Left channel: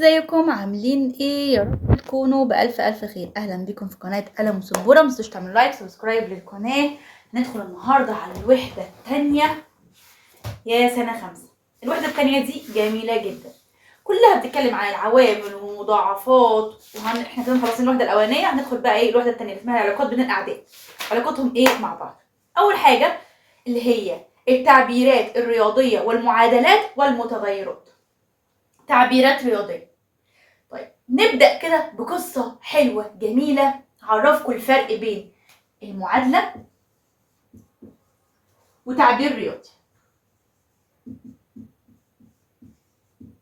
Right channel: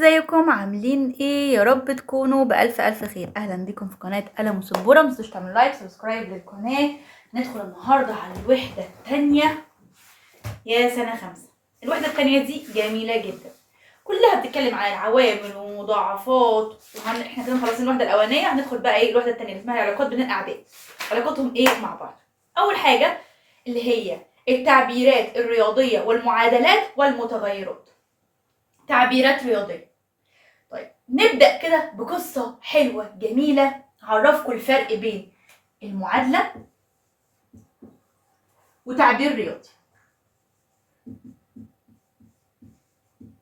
ازيكم عاملين ايه؟ يا رب تكونوا بألف ألف خير. أهلا بكم في قناة قلم وسبورة. متنسوش تعملوا لايك سبسكرايب للقناة. ندخل النهاردة على الوحدة التانية يا سنة 5. الوحدة التانية دي جميلة جدا، كلها بتتكلم عن العوامل والمضاعفات. احنا كده خلصنا الوحدة الأولانية، هندخل بقى ايه الوحدة التانية اللي اسمها العلاقات بين الأعداد. علاقاتهم ايه مع بعض؟ أول حاجة اللي هي التعبيرات الرياضية والمعادلات والمتغيرات. تعبيرات رياضية. طيب نبدأ كده بقصة حلوة جميلة هعرفكم الفرق بين المعادلة وتعبير رياضي.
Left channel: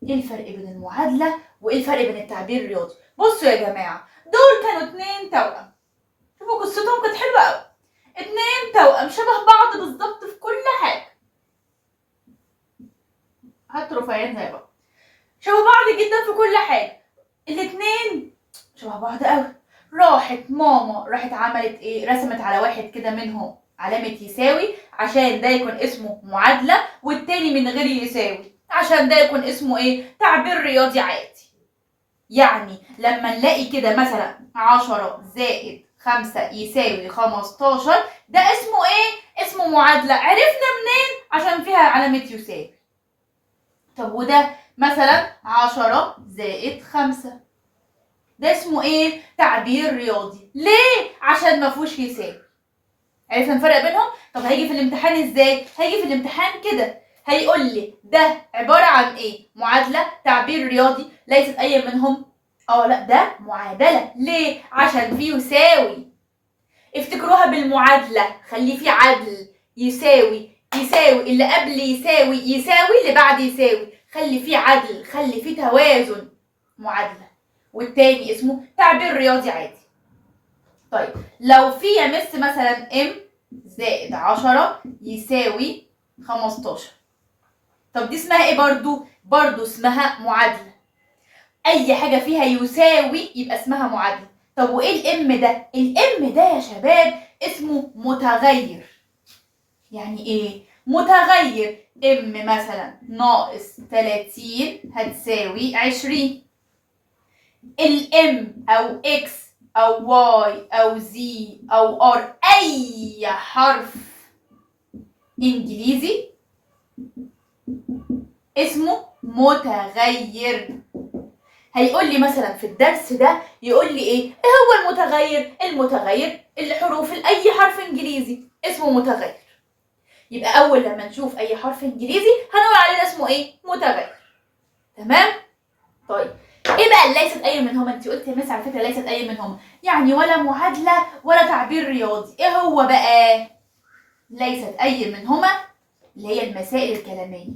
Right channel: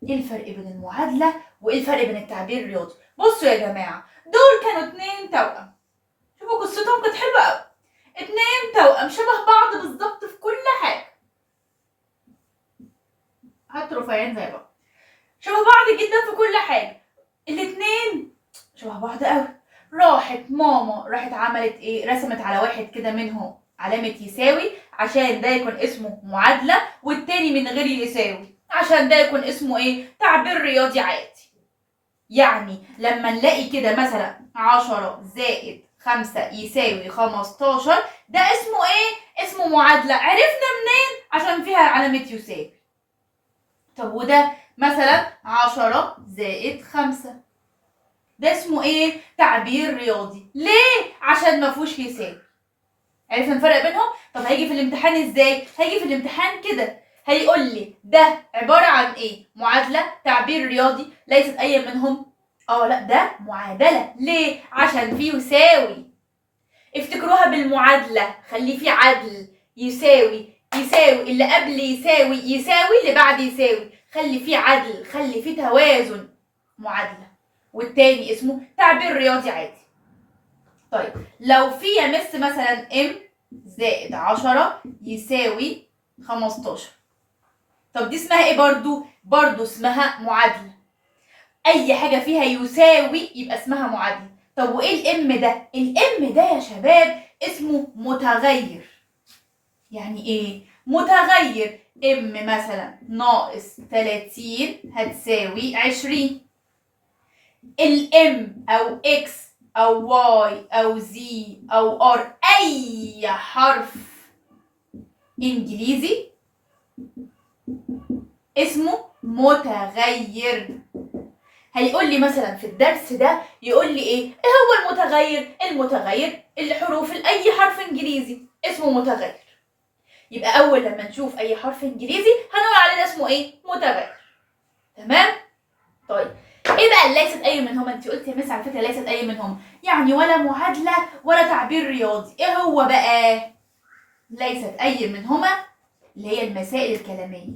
ايه الفرق بين المعادلة وايه الفرق بين التعبير الرياضي؟ بصوا يا جماعة، دول كانوا 2 توأم. شوفوا قصتهم كانت حلوة قوي. 2 توأم شبه بعض بالظبط في كل حاجة. هاتوا رفيعين زي بعض، شبه بعض جدا في كل حاجة. الاتنين شبه بعض قوي. راحت ماما عملت ايه؟ رسمت على واحد كده منهم علامة يساوي عشان ده يكون اسمه معادلة، والتاني من غير يساوي عشان ده يكون اسمه ايه؟ تعبير رياضي عادي. يعني لما نلاقي كده مثلا 10 زائد 5 يساوي 15، ده اسمه ايه؟ اسمه معادلة. عرفنا منين؟ عشان فيها علامة يساوي. طب وده مثلا 10 زائد 5، ده اسمه ايه؟ تعبير رياضي. ليه؟ عشان ما فيهوش يساوي. عرفنا الفرق بينهم؟ طب هيجي في الامتحان ازاي؟ هيجي في الامتحان كده، هيقول لي ده عبارة عن ايه؟ معادلة، تعبير رياضي، ليست اي منهم. لا ده معادلة. ليه؟ عشان فيه يساوي. افتكروها بالمعادلة، خلي فيه عدل. يساوي يساوي، اللي قبل يساوي يساوي، اللي بعد يساوي. خلي فيه عدل، خلي فيه توازن. معادلة. والتاني اسمه تعبير رياضي عادي. طيب لو في يا مس مثلا ام زائد 10 يساوي 15، طب دي اسمها ايه؟ برضو اسمها معادلة. اي حاجة فيها يساوي يبقى اسمها معادلة. طب وايه الام ده؟ الام ده يا شباب اسمه متغير. يعني ايه متغير؟ ام مثلا ناقص 30 هتساوي 20. الام او اكس او واي او زي او ار، اي حرف انجليزي اسمه متغير. هيقول لي مثلا في الدرس ده، يقول لي ايه هو المتغير؟ المتغير الحروف، اي حرف انجليزي اسمه متغير. يبقى اول لما نشوف اي حرف انجليزي هنقول عليه اسمه ايه؟ متغير. تمام؟ طيب ايه بقى ليست اي منهما؟ انت قلت يا مس على فكره ليست اي منهما، يعني ولا معادله ولا تعبير رياضي. ايه هو بقى ليست اي منهما؟ اللي هي المسائل الكلاميه.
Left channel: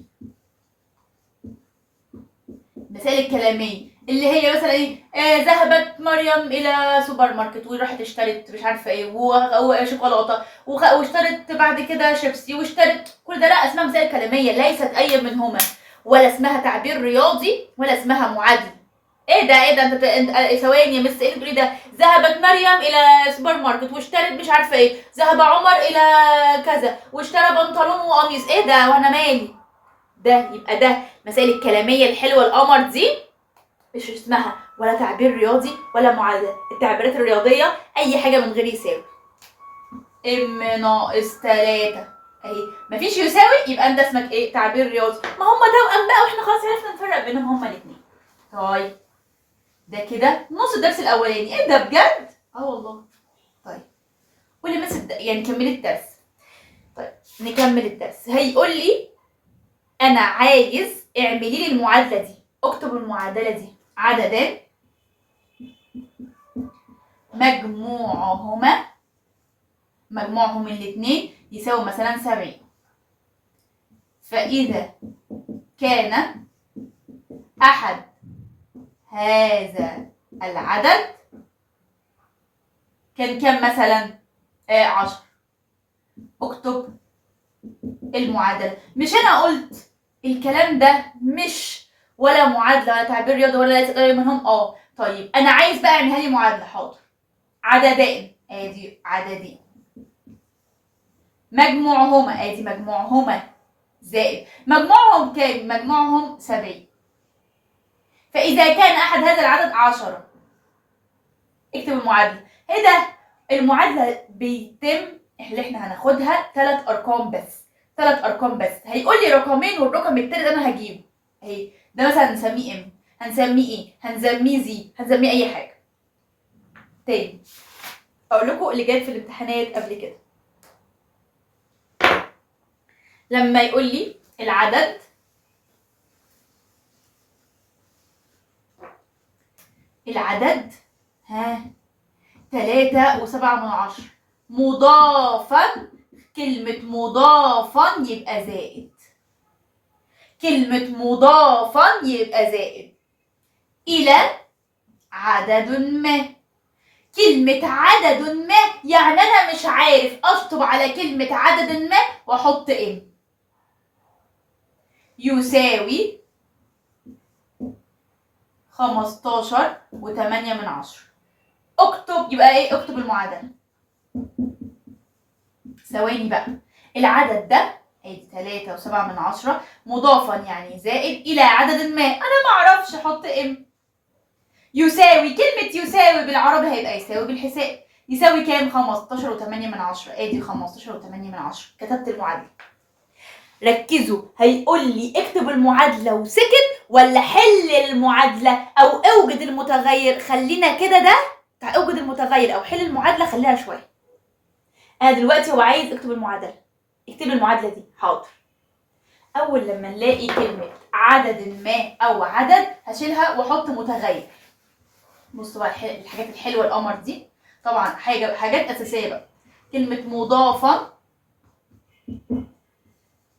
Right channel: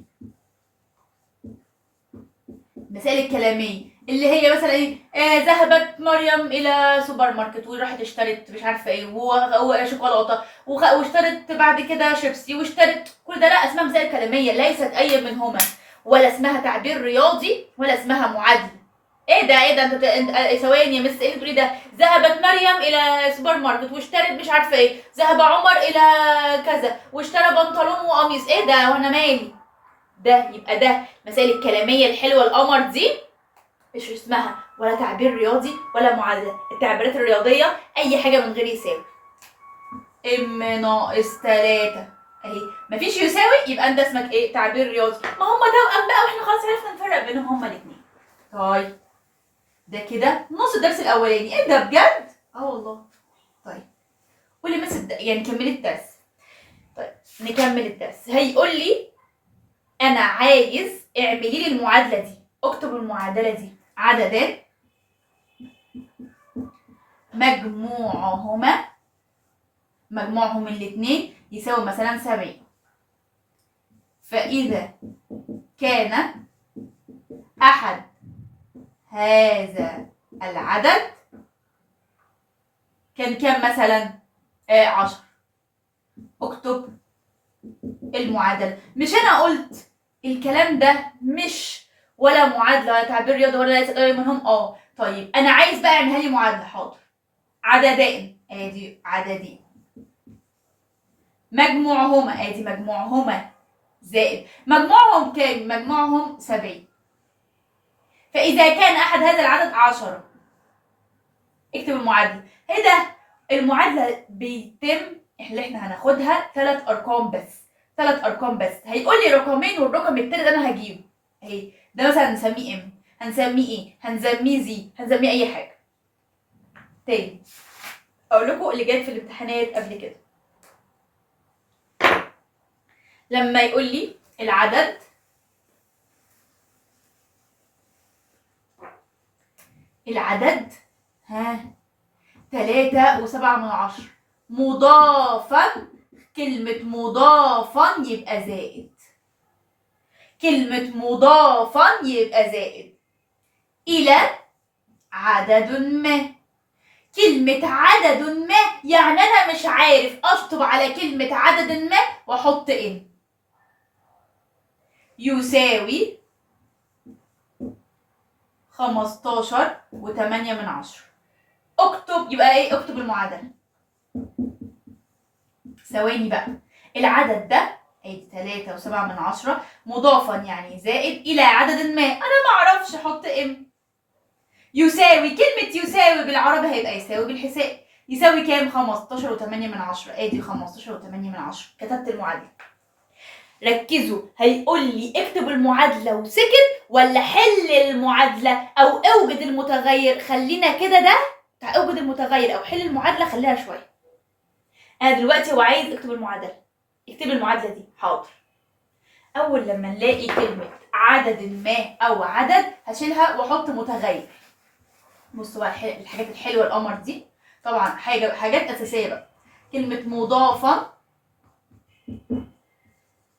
المسائل الكلاميه اللي هي مثلا ايه؟ ذهبت مريم الى سوبر ماركت وراحت اشترت مش عارفه ايه وشوكولاته واشترت بعد كده شيبسي واشترت كل ده. لا، اسمها مسائل كلاميه، ليست اي منهما. ولا اسمها تعبير رياضي ولا اسمها معادله. ايه ده انت ثواني يا مس، ايه اللي بتقولي ده؟ ذهبت مريم الى سوبر ماركت واشترت مش عارفه ايه، ذهب عمر الى كذا واشترى بنطلون وقميص. ايه ده وانا مالي؟ ده يبقى ده مسائل الكلاميه الحلوه القمر دي مش اسمها ولا تعبير رياضي ولا معادله. التعبيرات الرياضيه اي حاجه من غير يساوي. ام ناقص 3 اهي مفيش يساوي، يبقى انت اسمك ايه؟ تعبير رياضي. ما هم توأم بقى واحنا خلاص عرفنا نفرق بينهم هما الاثنين. طيب ده كده نص الدرس الاولاني. ايه ده بجد؟ والله. طيب قولي بس يعني كملي الدرس. طيب نكمل الدرس. هيقول لي انا عايز اعملي لي المعادله دي. اكتب المعادله دي: عددان مجموعهم الاثنين يساوي مثلا 70. فاذا كان احد هذا العدد كان كام مثلا؟ 10. اكتب المعادله. مش انا قلت الكلام ده مش ولا معادله ولا تعبير رياضي ولا ليس اي منهم؟ طيب انا عايز بقى اعملها لي معادله. حاضر. عددين، ادي عددين، مجموعهما، ادي مجموعهما، زائد مجموعهم كام؟ مجموعهم 70. فإذا كان أحد هذا العدد 10. اكتب المعادلة. ايه ده؟ المعادلة بيتم اللي احنا هناخدها 3 أرقام بس. 3 أرقام بس. هيقول لي رقمين والرقم التالت أنا هجيبه. اهي ده مثلا هنسميه ام، هنسميه ايه؟ هنسميه زي، هنسميه أي حاجة. تاني أقول لكم اللي جات في الامتحانات قبل كده. لما يقول لي العدد ها 3.7 مضافا، كلمة مضافا يبقى زائد، كلمة مضافا يبقى زائد إلى عدد ما. كلمة عدد ما يعني أنا مش عارف أشطب على كلمة عدد ما وأحط إن. يساوي 15.8. اكتب يبقى ايه؟ اكتب المعادلة. ثواني بقى. العدد ده ادي 3.7 مضافا يعني زائد إلى عدد ما، أنا معرفش أحط ام. يساوي، كلمة يساوي بالعربي هيبقى يساوي بالحساب. يساوي كام؟ 15.8. ادي 15.8. كتبت المعادلة. ركزوا، هيقول لي اكتب المعادلة وسكت ولا حل المعادلة أو اوجد المتغير. خلينا كده ده اوجد المتغير أو حل المعادلة، خليها شوية. أنا دلوقتي هو عايز اكتب المعادلة. اكتب المعادلة دي. حاضر. أول لما نلاقي كلمة عدد ما أو عدد هشيلها وأحط متغير. بصوا بقى الحاجات الحلوة القمر دي، طبعا حاجات أساسية بقى. كلمة مضافة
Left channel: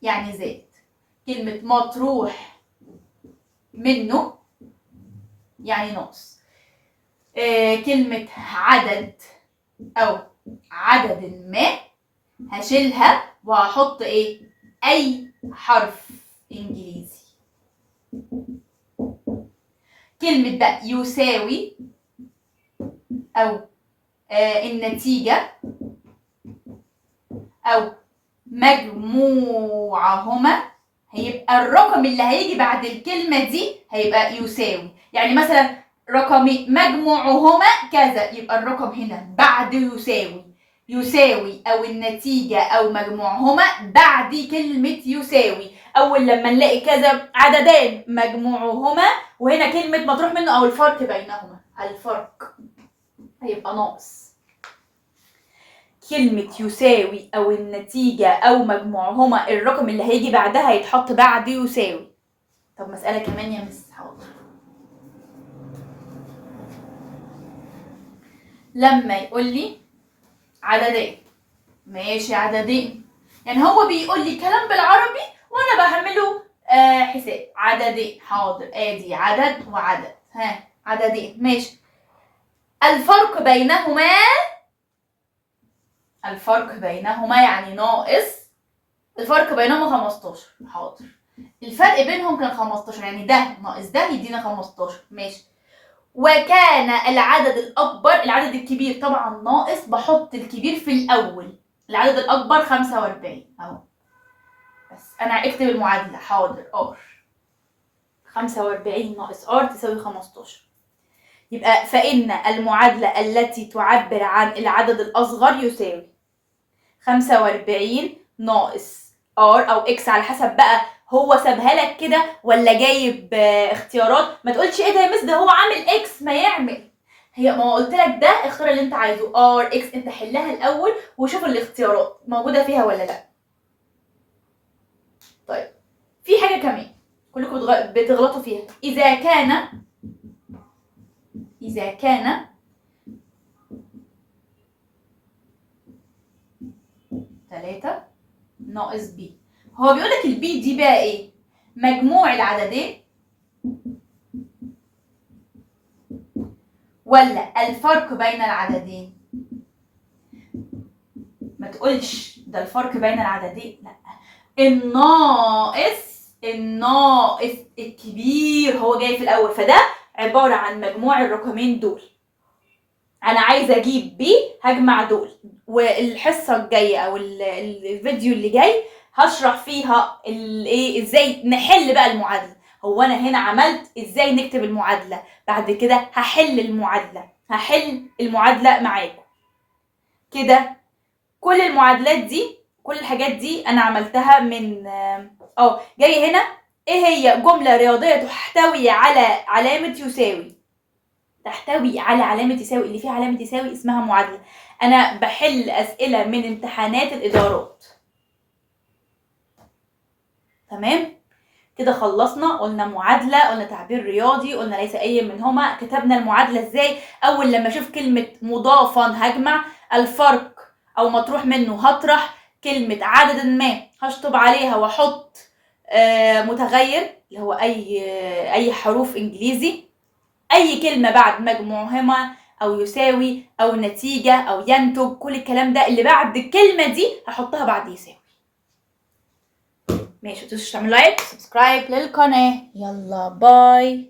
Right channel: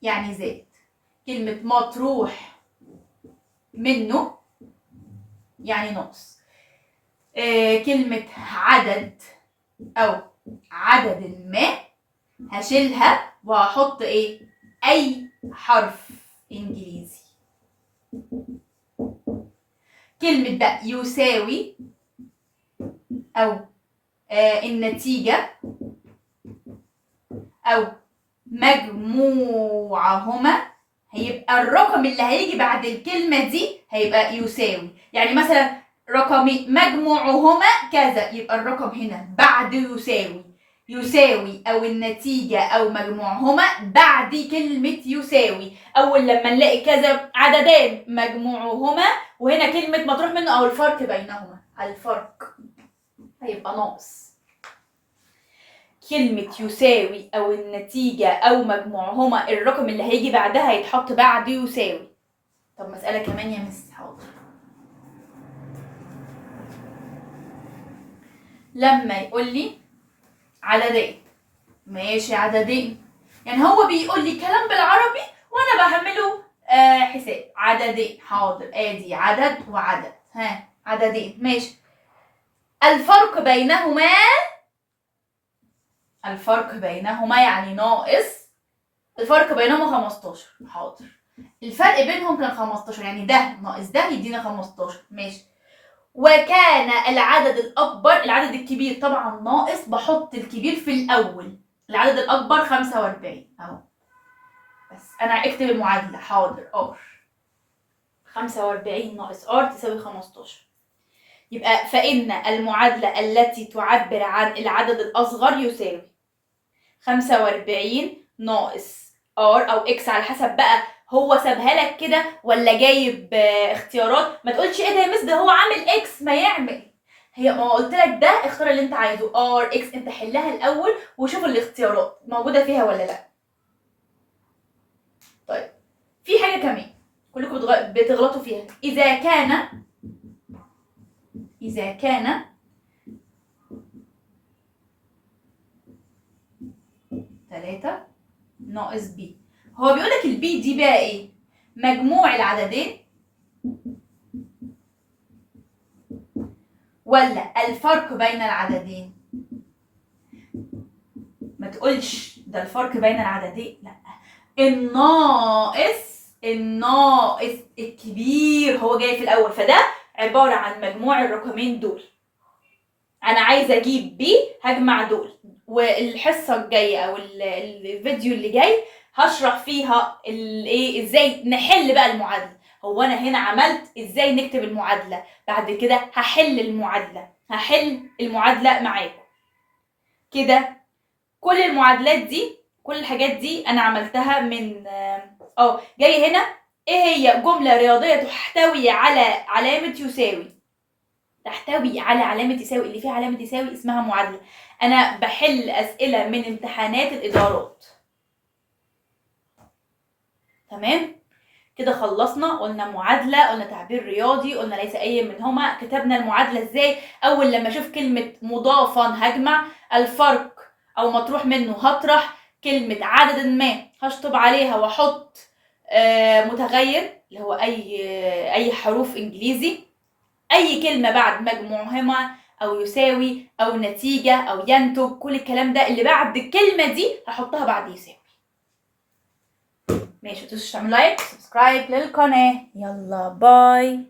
يعني زائد، كلمة مطروح منه يعني ناقص، كلمة عدد أو عدد ما هشيلها وهحط إيه؟ أي حرف إنجليزي. كلمة بقى يساوي أو النتيجة أو مجموعهما، هيبقى الرقم اللي هيجي بعد الكلمة دي هيبقى يساوي. يعني مثلا رقمين مجموعهما كذا، يبقى الرقم هنا بعد يساوي أو النتيجة أو مجموعهما بعد كلمة يساوي. أول لما نلاقي كذا عددان مجموعهما وهنا كلمة مطروح منه أو الفرق بينهما، الفرق هيبقى ناقص. كلمة يساوي أو النتيجة أو مجموعهما الرقم اللي هيجي بعدها هيتحط بعد يساوي. طب مسألة كمان يا مس. حاضر. لما يقول لي عددين، ماشي عددين، يعني هو بيقول لي كلام بالعربي وأنا بعمله حساب. عددين، حاضر، ادي عدد وعدد، ها عددين، ماشي. الفرق بينهما يعني ناقص. الفرق بينهما 15. حاضر. الفرق بينهم كان 15، يعني ده ناقص ده يدينا 15. ماشي. وكان العدد الأكبر، العدد الكبير طبعا ناقص، بحط الكبير في الأول. العدد الأكبر 45 أهو. بس أنا اكتب المعادلة. حاضر. ار 45 ناقص ار تساوي 15. يبقى فإن المعادلة التي تعبر عن العدد الأصغر يساوي 45 ناقص ار أو اكس على حسب بقى هو سابها لك كده ولا جايب اختيارات. ما تقولش ايه ده يا مس ده هو عامل اكس، ما يعمل. ما قلت لك ده اختار اللي انت عايزه ار اكس، انت حلها الاول وشوف الاختيارات موجوده فيها ولا لا. طيب في حاجه كمان كلكم بتغلطوا فيها. اذا كان 3 ناقص بي، هو بيقول لك البي دي بقى ايه؟ مجموع العددين ولا الفرق بين العددين؟ ما تقولش ده الفرق بين العددين، لا، الناقص الكبير هو جاي في الاول، فده عباره عن مجموع الرقمين دول. انا عايزه اجيب بي، هجمع دول. والحصه الجايه او الفيديو اللي جاي هشرح فيها ايه ازاي نحل بقى المعادله. هو انا هنا عملت ازاي نكتب المعادلة، بعد كده هحل المعادلة معاكم كده. كل المعادلات دي، كل الحاجات دي انا عملتها من جاي هنا ايه هي جملة رياضية تحتوي على علامة يساوي. تحتوي على علامة يساوي، اللي فيها علامة يساوي اسمها معادلة. انا بحل اسئلة من امتحانات الادارات. تمام كده خلصنا. قلنا معادلة، قلنا تعبير رياضي، قلنا ليس اي منهما. كتبنا المعادلة ازاي؟ اول لما اشوف كلمة مضافا هجمع، الفرق او مطروح منه هطرح، كلمة عدد ما هشطب عليها واحط متغير اللي هو اي حروف انجليزي، اي كلمة بعد مجموعهما او يساوي او نتيجة او ينتج، كل الكلام ده اللي بعد الكلمة دي هحطها بعد يساوي. ماشي، متنسوش تعملوا لايك سبسكرايب للقناة. يلا باي.